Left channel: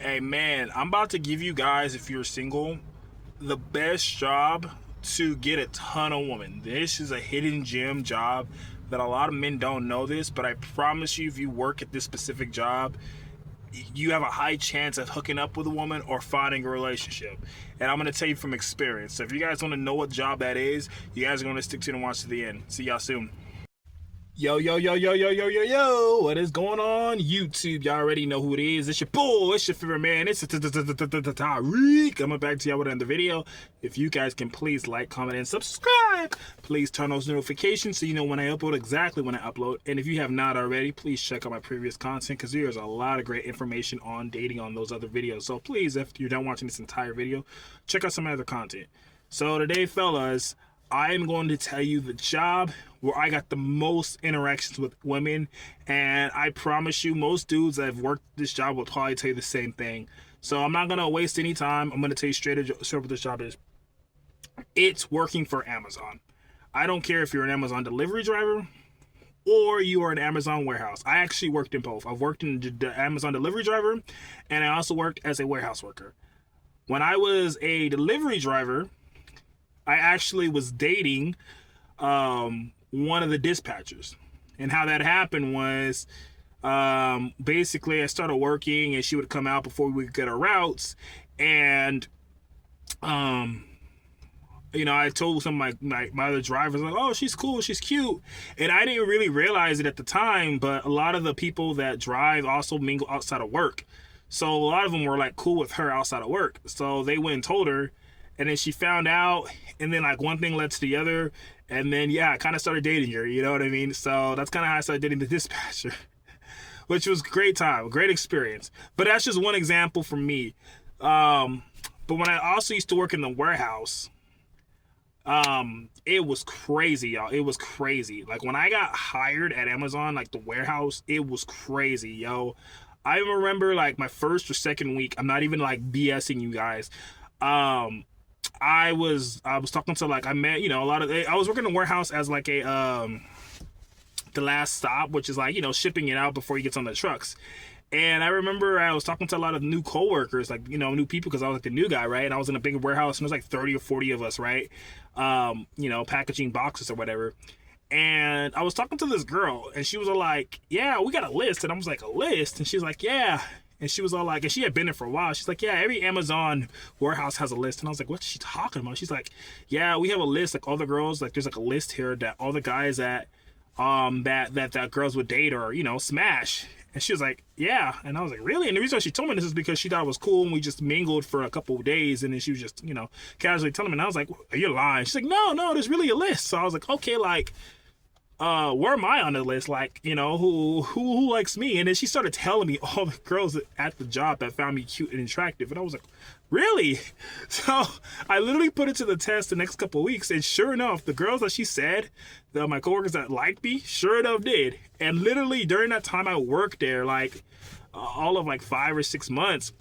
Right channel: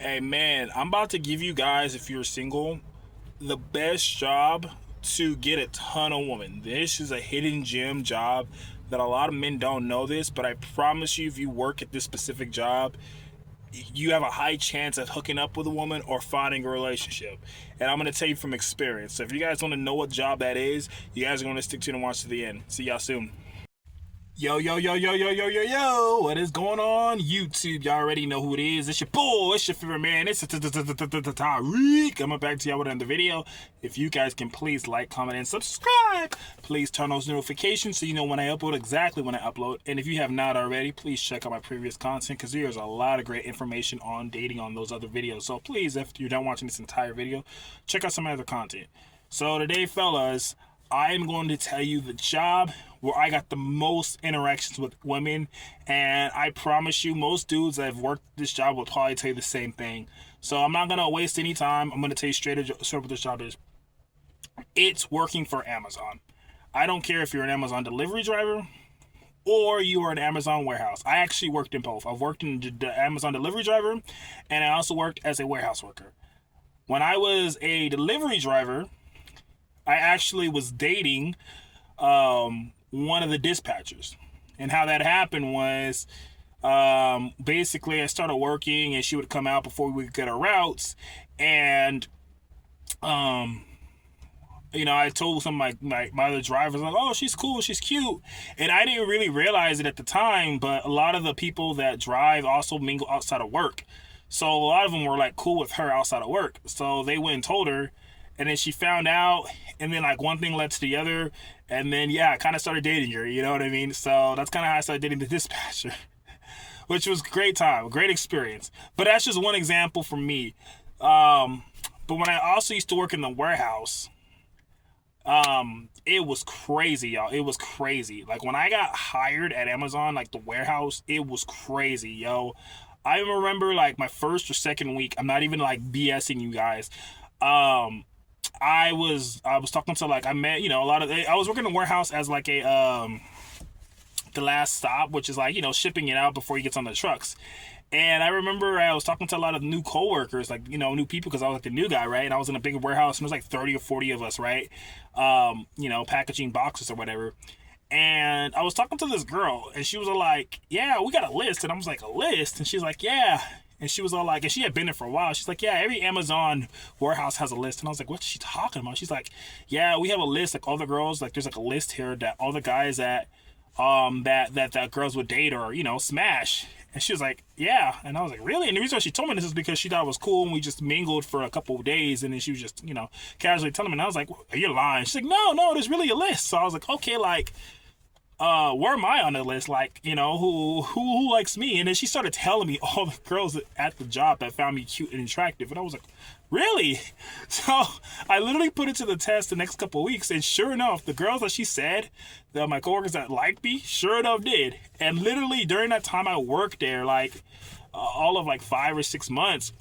Hey man, I'm about to give you guys, if you're single, the best job to get a ton of women. This is a hidden gem job that a lot of men don't know this, but I promise you, if you work at this specific job, you have a high chance of hooking up with a woman or finding a relationship. And I'm going to tell you from experience. So if you guys want to know what job that is, you guys are going to stick to it and watch to the end. See y'all soon. Yo, yo, yo, yo, yo, yo, yo, yo. What is going on, YouTube? Y'all already know who it is. It's your bull. It's your favorite man. It's Tariq. Coming back to y'all with another video. If you guys can please like, comment, and subscribe. Please turn those notifications so you know when I upload, exactly when I upload. And if you have not already, please check out my previous content because there's a lot of great information on dating on those other videos. So please, if you're done watching this entire video, check out some other content. So today, fellas, I am going to tell you the job where I got the most interactions with women, and I promise you, most dudes that have worked this job will probably tell you the same thing. So I'm not gonna waste any time. I'm gonna tell you straight what this job is. It's working for Amazon. I don't care if you're an Amazon delivery driver or you are an Amazon warehouse. I actually worked in both. I've worked in the Amazon delivery driver, and I also worked as a warehouse worker. When I was a delivery driver, I actually was dating one of the dispatchers. And how that happened was basically I started working and she would come out before we could get our routes. And, I told some of my other drivers, like, oh, she's cool, she's cute. And I didn't really realize it at the time, but a lot of the people that drive also mingle outside of work. So a lot of them were like cool with her outside of work. So they went and told her. And then she found out, and then like one thing led to the other, and then I kind of started dating her, you know what I mean? So that's kind of how I started dating the dispatcher, which was a great time, a great experience. But that's just one example from me. But when I also used to work in the warehouse, it was crazy, y'all. It was crazy. Like when I got hired at Amazon, like the warehouse, it was crazy, yo. I remember like my first or second week. I'm not even like BSing you guys. I was talking to like I met a lot of I was working in the warehouse as like a the last stop, which is like shipping it out before he gets on the trucks. And I remember I was talking to a lot of new coworkers, like new people, because I was like the new guy, right? And I was in a big warehouse and there was like 30 or 40 of us, right? Packaging boxes or whatever. And I was talking to this girl and she was all like, yeah, we got a list. And I was like, a list? And she's like, yeah. And she was all like, and she had been there for a while. She's like, yeah, every Amazon warehouse has a list. And I was like, what's she talking about? She's like, yeah, we have a list. Like all the girls, like there's like a list here that all the guys that that girls would date or smash. And she was like, yeah. And I was like, really? And the reason why she told me this is because she thought it was cool and we just mingled for a couple of days. And then she was just casually telling me. And I was like, you're lying. She's like, no, there's really a list. So I was like, okay, like, where am I on the list? Like, who likes me? And then she started telling me all the girls at the job that found me cute and attractive. And I was like, really? So I literally put it to the test the next couple of weeks. And sure enough, the girls that she said, my coworkers that liked me, sure enough did. And literally during that time I worked there, like all of like 5 or 6 months,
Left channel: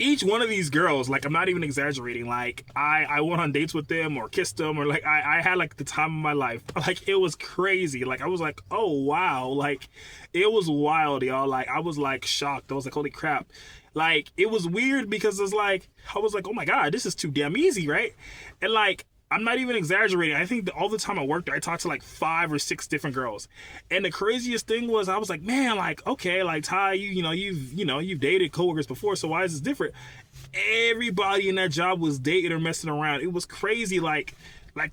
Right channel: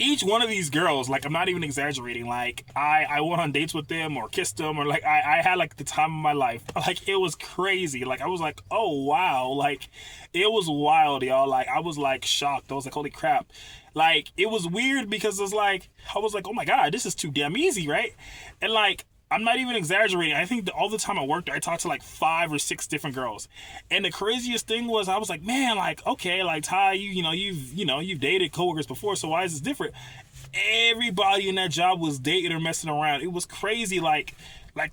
each one of these girls, like I'm not even exaggerating, like I went on dates with them or kissed them or like I had like the time of my life. Like it was crazy. Like I was like, oh wow, like it was wild, y'all. Like I was like shocked. I was like, holy crap. Like it was weird because it was like I was like, oh my god, this is too damn easy, right? And like I'm not even exaggerating. I think all the time I worked there, I talked to like 5 or 6 different girls. And the craziest thing was I was like, man, like, okay, like Ty, you've dated coworkers before, so why is this different? Everybody in that job was dating or messing around. It was crazy. Like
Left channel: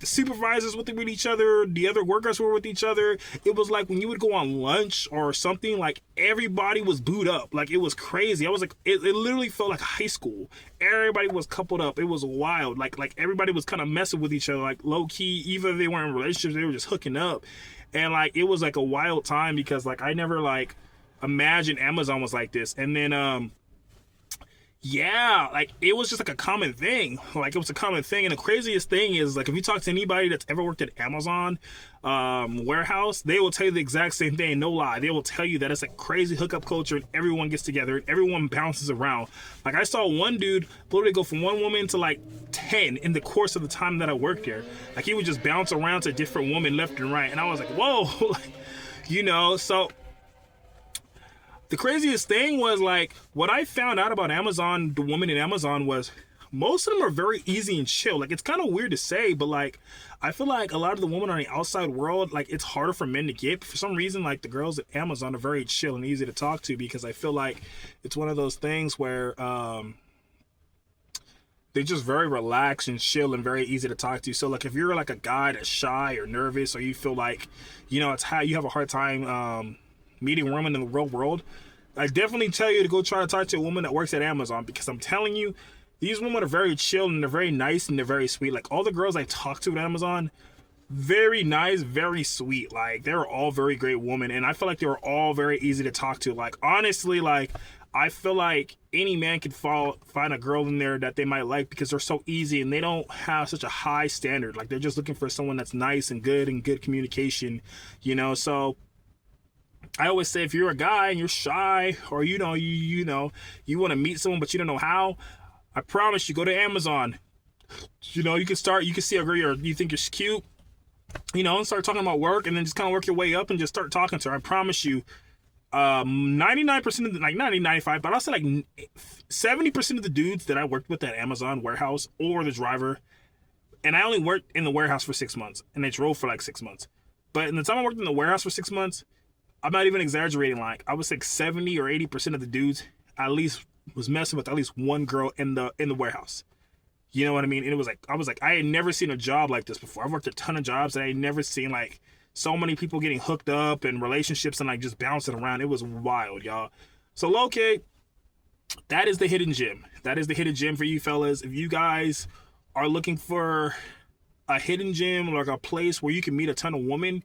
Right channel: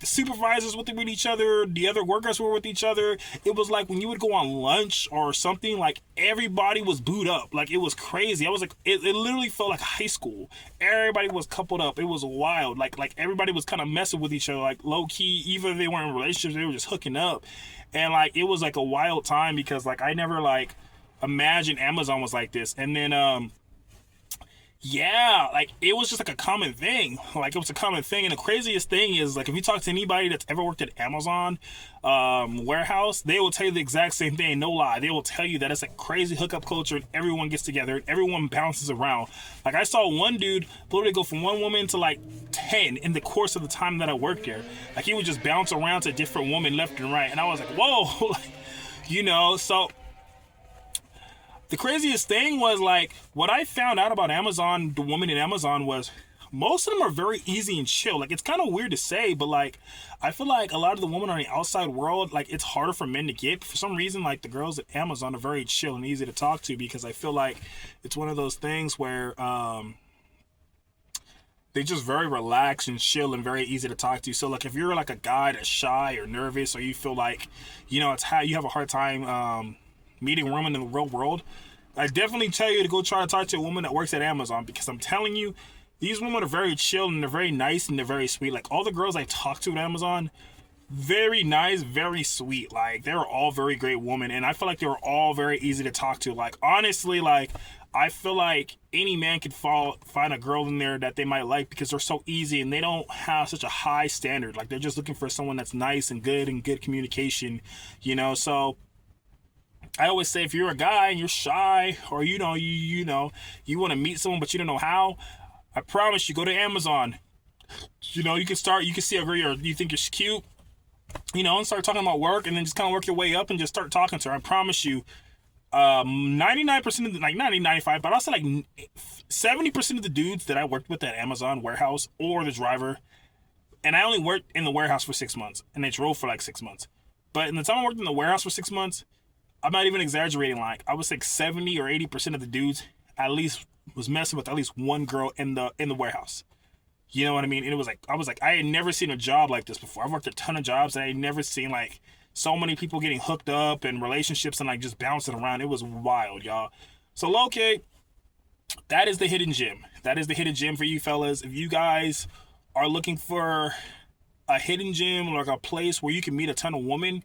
the supervisors were with each other, the other workers were with each other. It was like when you would go on lunch or something, like everybody was booed up. Like it was crazy. I was like, it literally felt like high school. Everybody was coupled up. It was wild. Like everybody was kind of messing with each other, like low key. Even they weren't in relationships, they were just hooking up. And like it was like a wild time because like I never like imagined Amazon was like this. And then like it was just like a common thing. Like it was a common thing. And the craziest thing is like if you talk to anybody that's ever worked at Amazon warehouse, they will tell you the exact same thing. No lie, they will tell you that it's a crazy hookup culture and everyone gets together and everyone bounces around. Like I saw one dude literally go from one woman to like 10 in the course of the time that I worked there. Like he would just bounce around to different women left and right, and I was like, whoa. So The craziest thing was like what I found out about Amazon, the woman in Amazon, was most of them are very easy and chill. Like it's kind of weird to say, but like I feel like a lot of the women on the outside world, like it's harder for men to get. For some reason, like the girls at Amazon are very chill and easy to talk to because I feel like it's one of those things where they just very relaxed and chill and very easy to talk to. So like if you're like a guy that's shy or nervous or you feel like, you know, it's how you have a hard time meeting women in the real world, I definitely tell you to go try to talk to a woman that works at Amazon because I'm telling you, these women are very chill and they're very nice and they're very sweet. Like all the girls I talk to at Amazon, very nice, very sweet. Like they're all very great women and I feel like they were all very easy to talk to. Like honestly, like I feel like any man could find a girl in there that they might like because they're so easy and they don't have such a high standard. Like they're just looking for someone that's nice and good communication, you know. So I always say if you're a guy and you're shy or you know you want to meet someone but you don't know how, I promise you go to Amazon. You know, you can see a girl you think is cute, you know, and start talking about work and then just kind of work your way up and just start talking to her. I promise you 99% of the, like 90, 95, but I'll say like 70% of the dudes that I worked with at Amazon warehouse or the driver, and I only worked in the warehouse for 6 months and they drove for like 6 months. But in the time I worked in the warehouse for 6 months, I'm not even exaggerating, like I would say 70 or 80% of the dudes at least was messing with at least one girl in the warehouse. You know what I mean? And it was like I had never seen a job like this before. I've worked a ton of jobs and I had never seen like so many people getting hooked up and relationships and like just bouncing around. It was wild, y'all. So okay, that is the hidden gem. That is the hidden gem for you fellas. If you guys are looking for a hidden gem, like a place where you can meet a ton of women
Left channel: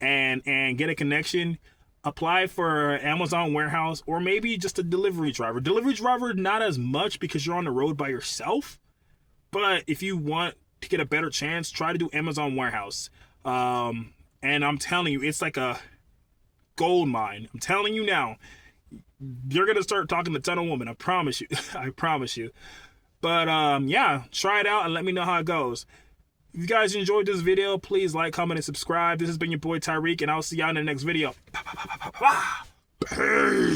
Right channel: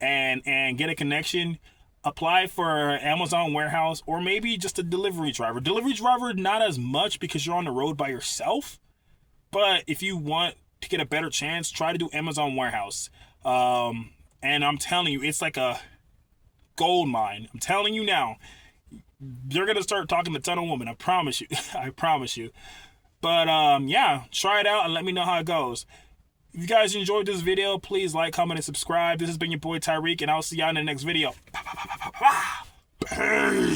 and get a connection, apply for Amazon warehouse or maybe just a delivery driver. Delivery driver, not as much because you're on the road by yourself. But if you want to get a better chance, try to do Amazon warehouse. And I'm telling you, it's like a gold mine. I'm telling you now, you're going to start talking to a ton of women. I promise you. I promise you. But yeah, try it out and let me know how it goes. If you guys enjoyed this video, please like, comment, and subscribe. This has been your boy Tyreek, and I'll see y'all in the next video. Peace.